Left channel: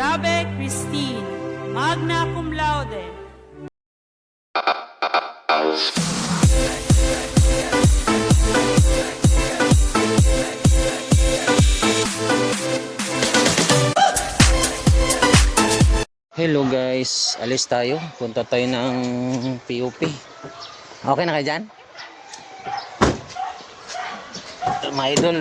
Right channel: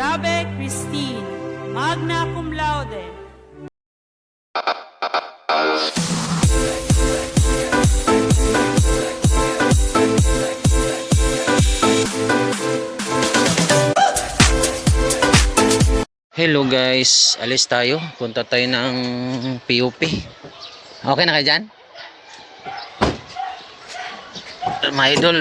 Rabe Christine, magna cum laude. Hello guys, alis tayo. Punta tayo ng PUP. Okay na kayo dyan? Mga idol,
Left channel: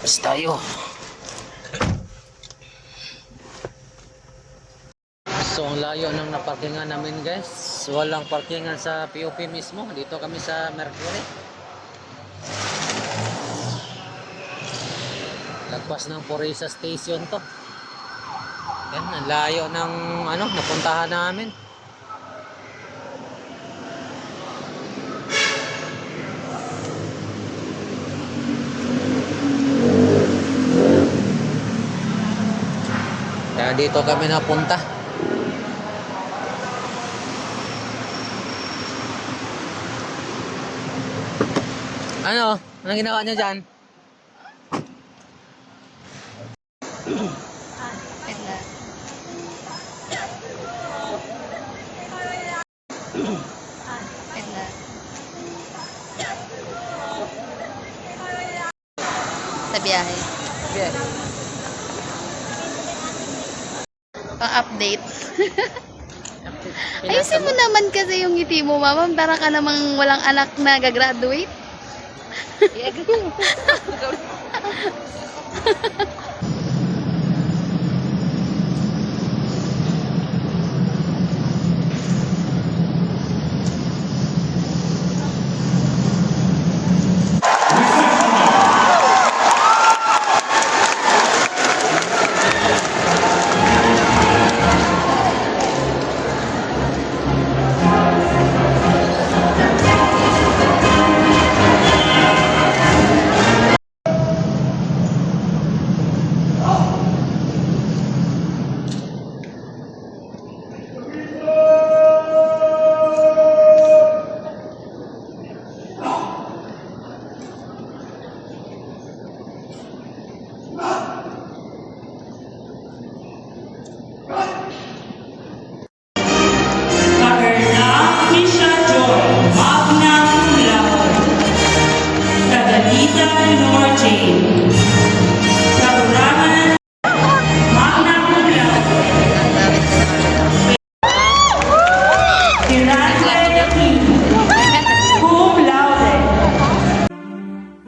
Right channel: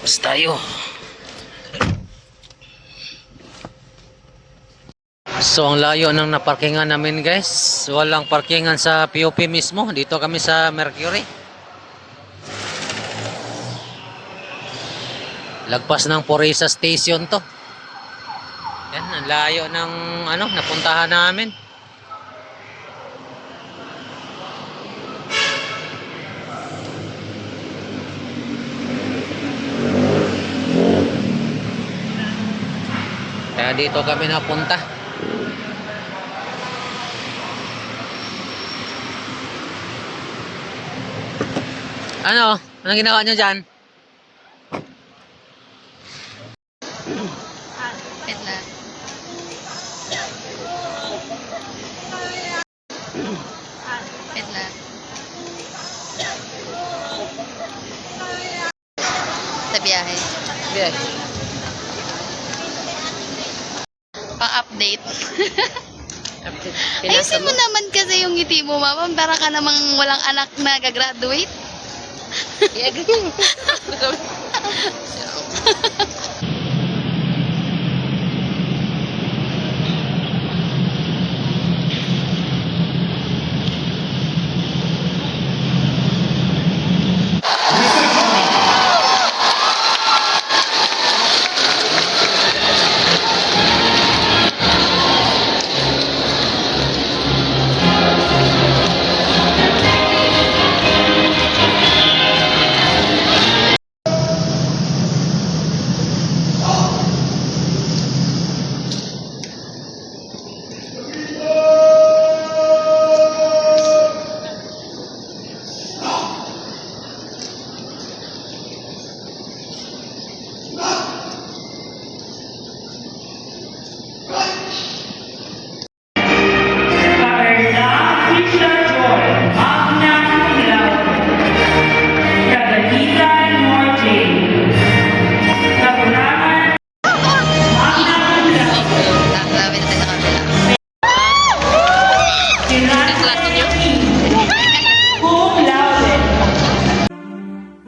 alis tayo. So ang layo ng naparkingan namin guys. Walang parkingan sa PUP mismo. Dito kami sa Mercury. Lagpas ng Purisa Station to. Yan, ang layo ng napuntahan namin. Kaya dito kami napunta. Anong ginawa nyo dyan? Sa biyahe. Yeah. Pang-update. Ayusin mo naman kasi yung ngiti mo, mama. Para ka namang walang anak na gagraduate. Yeah, ganun.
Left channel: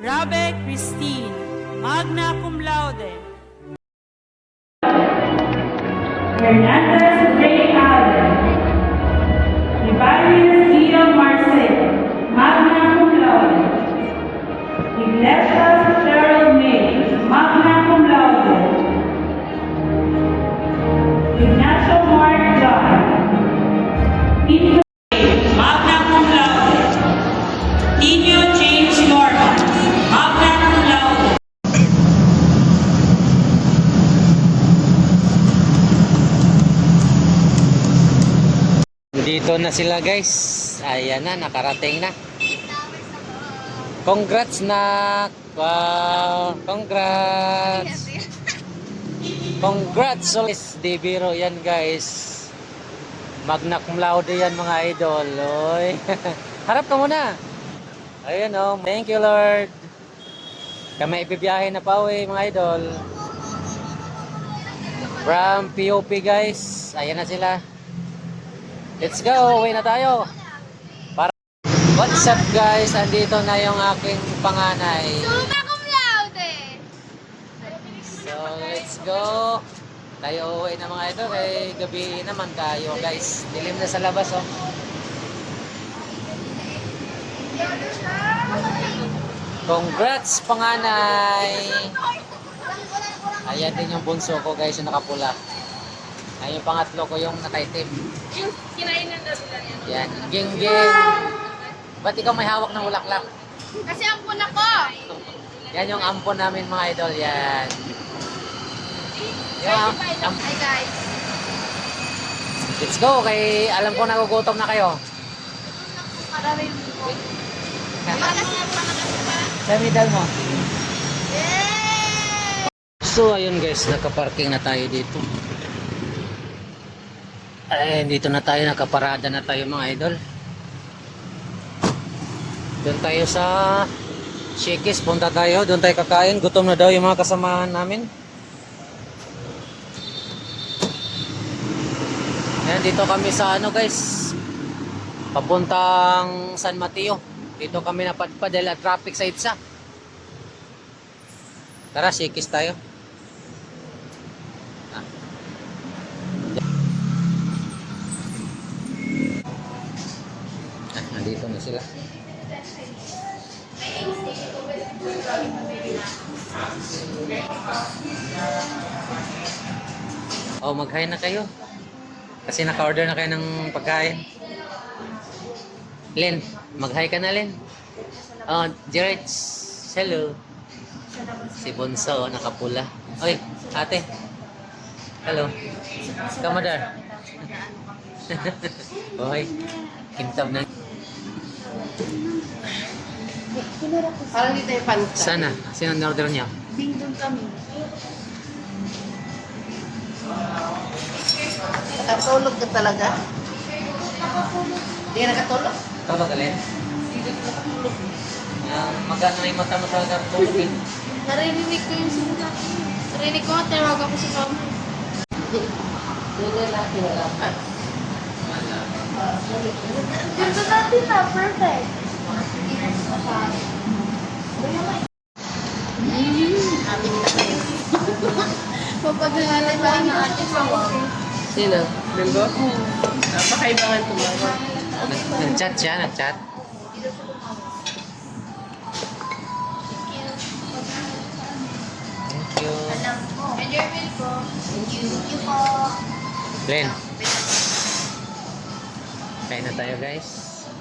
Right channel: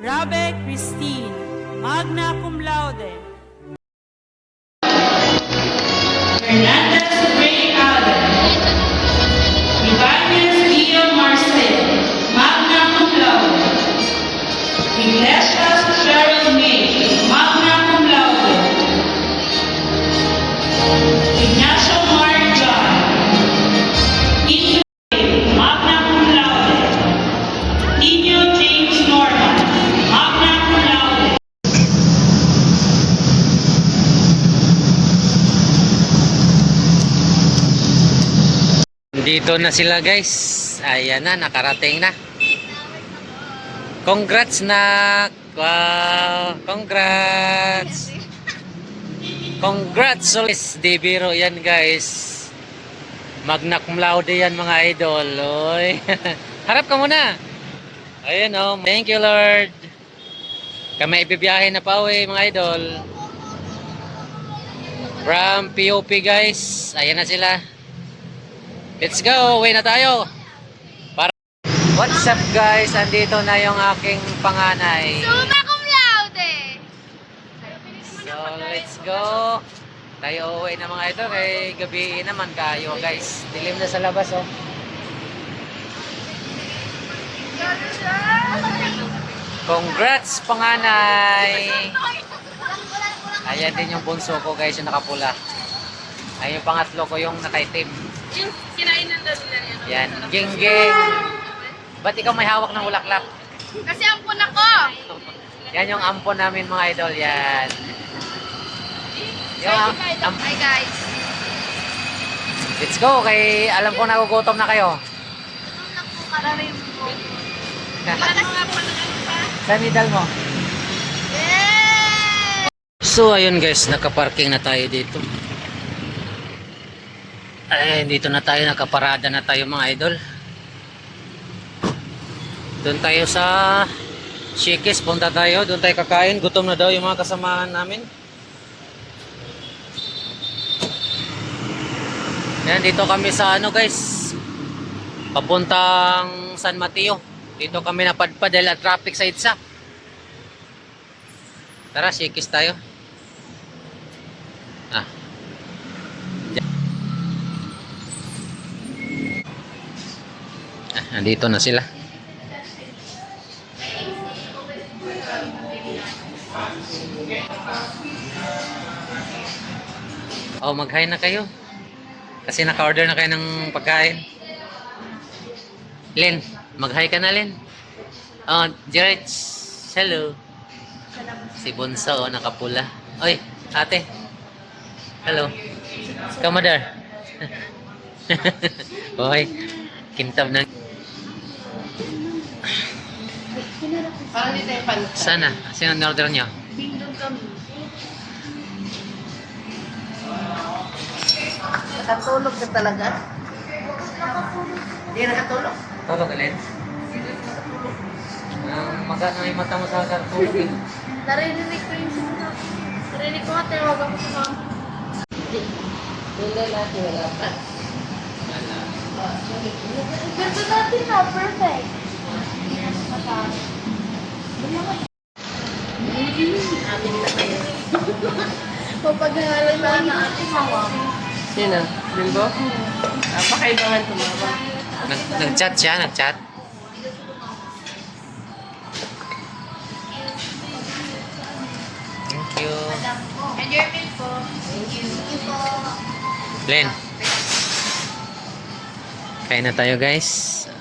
Rabe Christine, magna cum laude. Hernandez Ray Allen, Ibanez Gino Marcel, magna cum laude. Iglesias Cheryl May, magna cum laude. Ignacio Mark John, Inyo magna cum laude. Inyo James Norman, magna cum laude. Dito na sila guys. Ayan na, nakarating na. Congrats nak. Wow, congrats. Congrats ulit. Di biro yan guys. Magna cum laude yan mga idol. Oy. Harap ka muna. Ayan oh. Thank you Lord. Kami ibibiyahe na pa uwi mga idol. From POP guys. Ayan na sila. Let's go, uwi na tayo. What's up guys? Andito na yung aking panganay. Summa cum laude! So let's go. Tayo uwi na mga ito. Kay gabi naman kayo guys. Dilim na sa labas oh. Congrats panganay. Ayan din yung bunso ko guys, yung nakapula. Ay yung pangatlo ko yung nakaitim. Yung kinainan daw nila yan. Yan, ging-ging. Ba't ikaw may hawak ng bulaklak? Kasi ang puna ko! Yan yung ampon namin mga idol, yan. Hi guys! Let's go, kay alam ko nagugutom na kayo. Ito lang po karami yung po. Sa middle mo. Yeah! So ayun guys, nakaparking na tayo dito. Ay, dito na tayo, nakaparada na tayo mga idol. Doon tayo sa Shakey's, punta tayo, doon tayo kakain. Gutom na daw yung mga kasamahan namin. Yan, dito kami sa ano guys, papuntang San Mateo. Dito kami napadpad dahil ang traffic sa EDSA. Tara, Shakey's tayo. Nandito na sila. Oh, mag-hi na kayo. Kasi naka-order na kayo ng pagkain. Len, mag-hi ka na, Len. Oh, Jared. Hello. Si Bunso, oh, nakapula. Oy, ate. Hello. Kamadar. Oy, kintab na. Parang dito yung pan. Sana. Sino order niyo? Bingdong kami. Nakatulog ka talaga? Hindi nakatulog. Tulog ulit. Magano yung mata mo sa tulog eh. Narinig ko yung simula. Narinig ko nga, tinawag ako sa kama. Hindi natin wala pa. Ganda natin na, perfect. Amin na kayo. Papadalala na ang ating mawag. Sino? Bilbo? Napakailangan tumawag. Nag-chat siya, nag-chat. Thank you. Enjoy meal po. Thank you po. Len. Kain na tayo guys.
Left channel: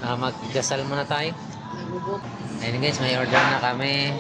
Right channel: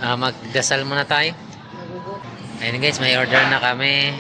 Magdasal muna tayo. Nagugot. Ayun guys, may order na kami.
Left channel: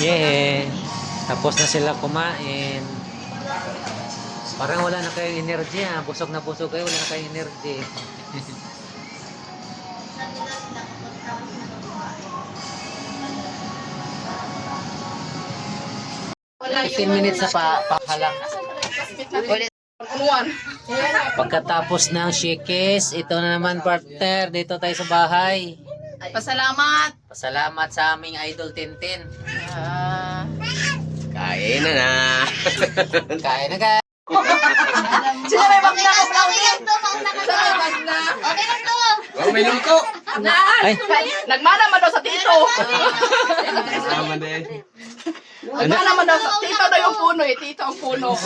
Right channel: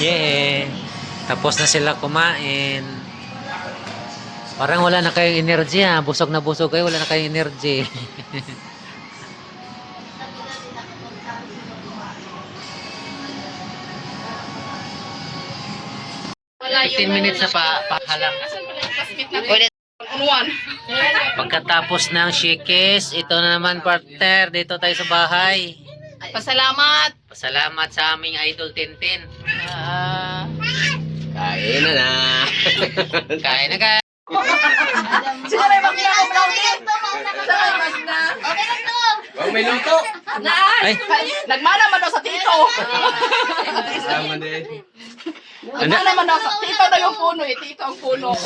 Yeah. Tapos na sila kumain. Parang wala na kayong energy ha. Busog na busog kayo. Wala na kayong energy. 15 minutes na pahalang. Ulit. punuan. Pagkatapos ng shikis, ito na naman partner. Dito tayo sa bahay. Pasalamat. Pasalamat sa aming idol Tintin. Kain na na. Kain na guys. Sila may makina ko daw din. Okay na to. Oh, may luto. Ay, Nagmana man daw sa tito. Kasama din. Nagmana man daw sa tito na yung puno eh. Tito ang puno.